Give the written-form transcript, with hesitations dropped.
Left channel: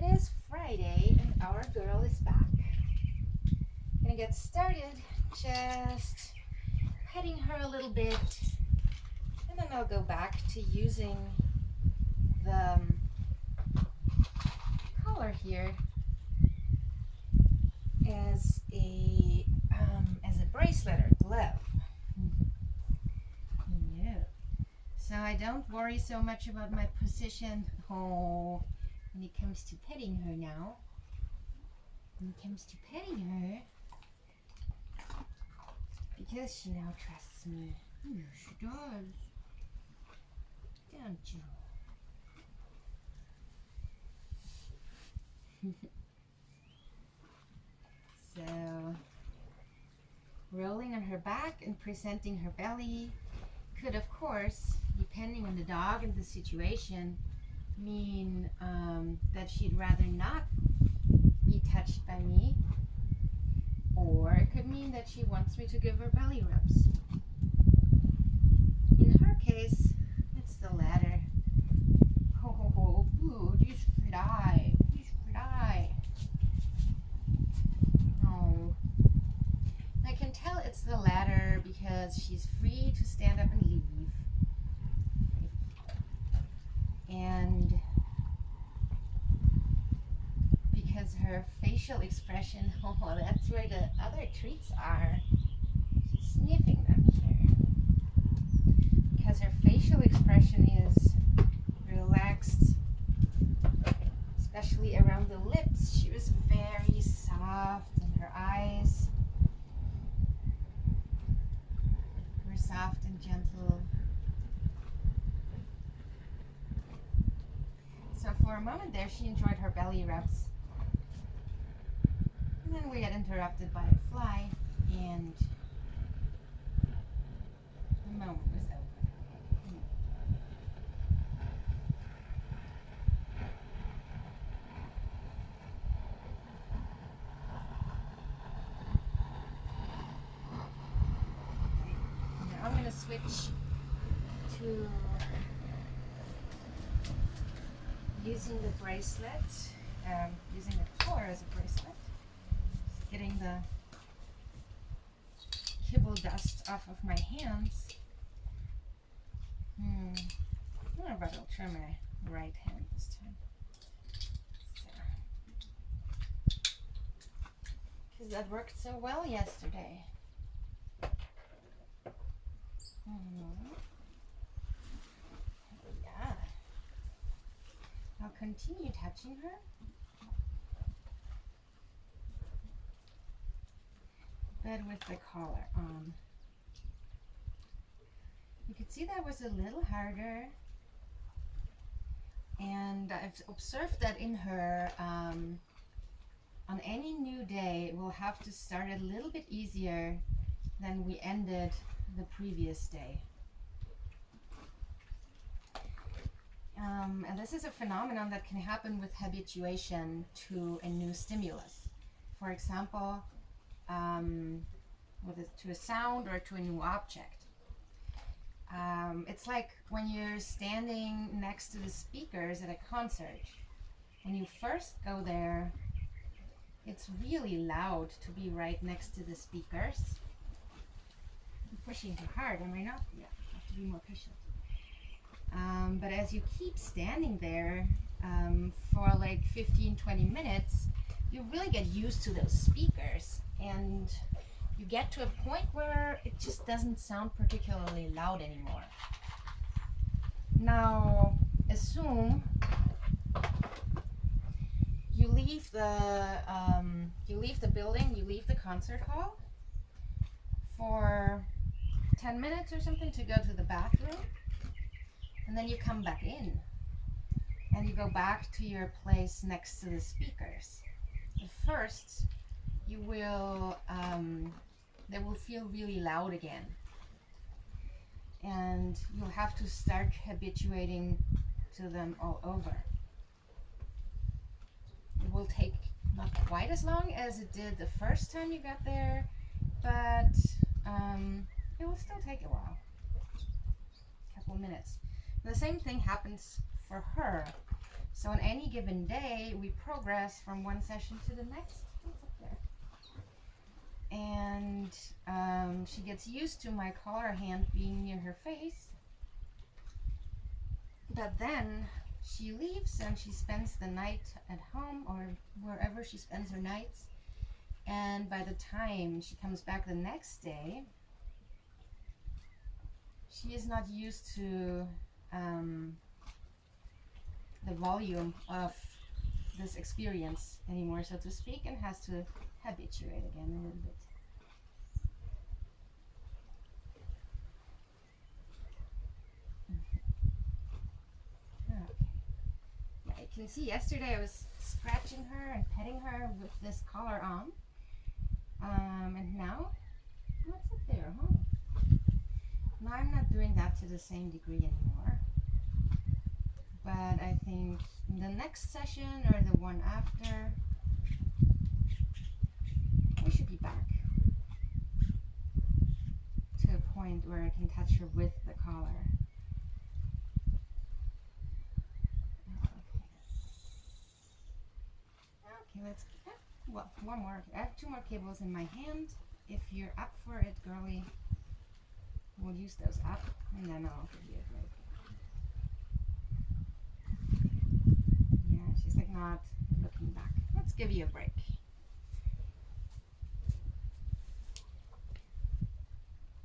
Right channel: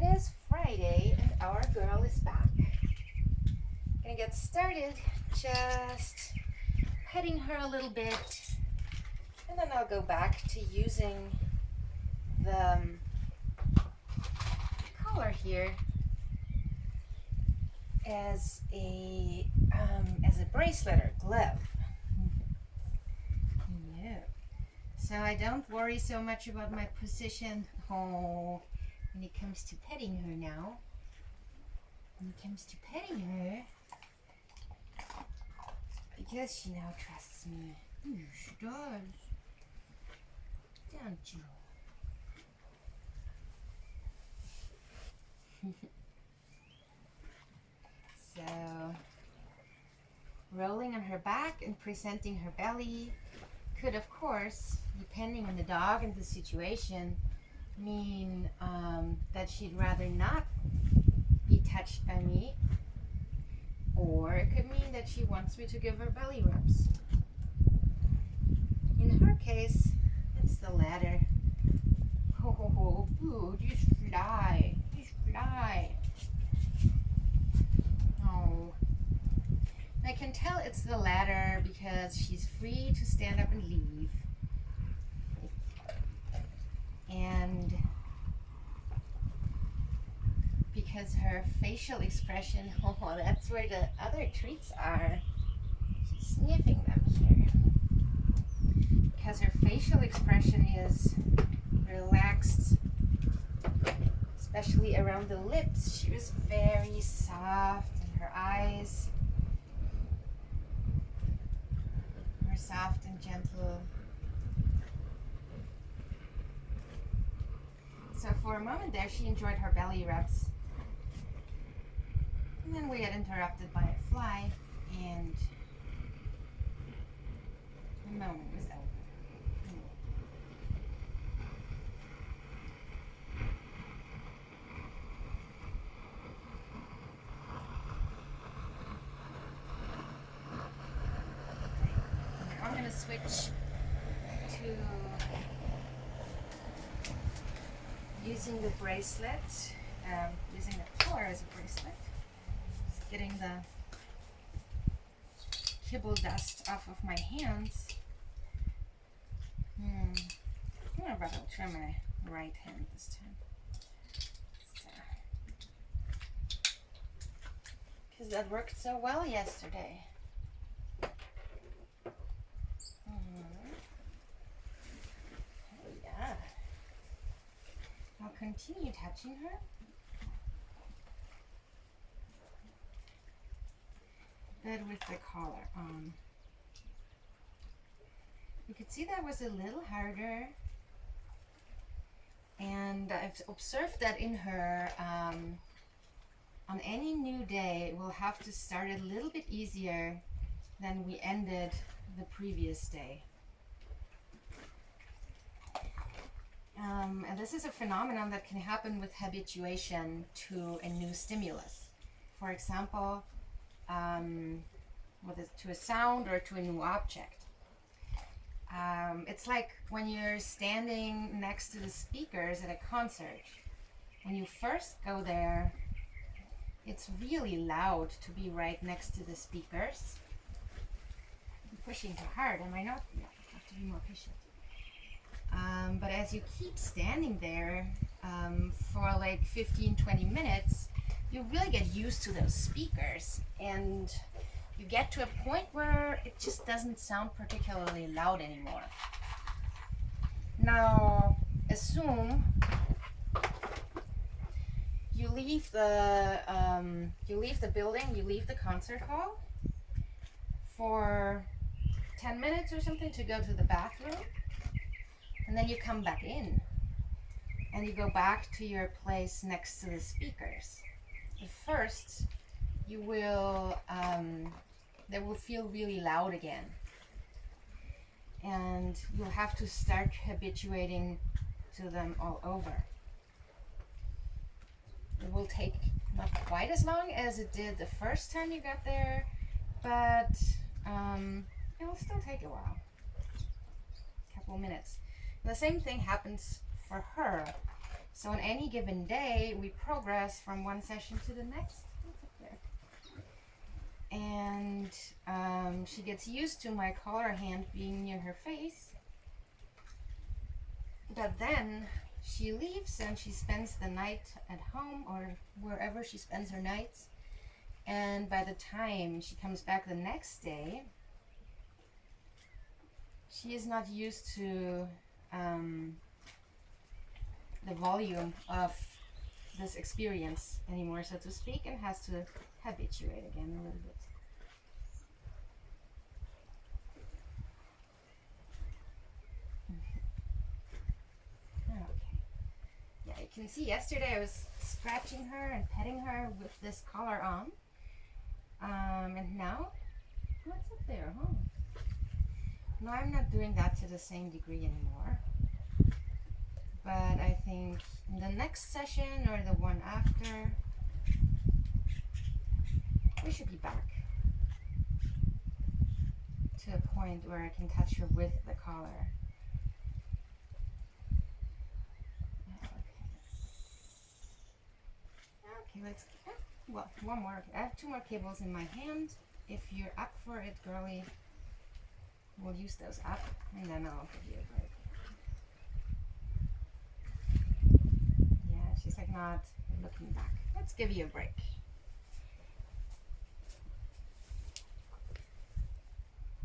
It is Friday and our girl is back. Gonna get started just petting her a little bit, and then I'll go back to using the collar here as a bracelet or glove. Yeah. So I don't worry so much about my position. Oh, when it comes to petting her now. When it comes to petting her, because she now trusts me. She does. Don't you? So, rolling on her back and presenting her belly could, of course, depending on the dog and the situation, mean that she'd rather not be touched by me, or it could mean that she wants me to give her belly rubs. In her case, it's the latter. Ho ho ho, boo, you fly, you fly. Oh, I can tell it's the latter because she's free to stand up and leave. And because her facial expression, oh, that's where the other treats are. She's sniffing them here. Because her facial expression is relaxed, especially around the lips. She was very soft, and her eyes were soft and gentle. So for a moment there, she enjoyed her belly rubs. And then we got interrupted by a fly, and the moment was over. Now I'm going to switch to using the bracelet, using the collar as a bracelet. Just getting the kibble dust off of my hands. But I'll try my right hand this time. Because that worked so well yesterday. Oh yeah. I'll continue touching her. But with the collar on. You could see that was a little harder. And I've observed that in her, on any new day, we'll have to start a little bit easier than we ended the previous day. And this is a phenomenon that can happen with habituation to a new stimulus. For example, to a sound or to a new object. It's like when you're standing next to the speakers at a concert. When you first go there, it's really loud to be right next to the speakers. I'm pushing too hard, am I not? Yeah, I have to be more patient. But as you keep standing there for like 15-20 minutes, you really get used to those speakers, and you get to a point where it just doesn't sound particularly loud anymore. Now, assume you leave the building, you leave the concert hall for 10 minutes or something to go to the bathroom, and then you come back in and you go back to your place next to the speakers. At first, you will they will feel really loud again, and you'll have to start habituating to them all over. It will take not quite as long as it did the first time you got there, but it will still take a while, a couple minutes. The same thing happens for her. So on any given day, we progress from one session to the next. What's up there? And she gets used to my collar hand being near her face. But then she leaves and she spends the night at home or wherever she spends her nights. And by the time she comes back the next day, she is not used to the volume of this experience anymore, so to speak, and has to habituate again a little bit. Okay. Yeah, you can see yesterday I was scratching her and petting her with this collar on. And now, what's up there, huh? Now I'm not doing that to the same degree anymore. But I think in the next session or the one after, we should be back to a point where I can touch her with the collar. Okay, let's, well, one more. I have 2 more cables in my hand. If you're up for it, girly, we'll use those up, and then I'll give you a break. Yeah, she's like not looking back. Let's give you a break.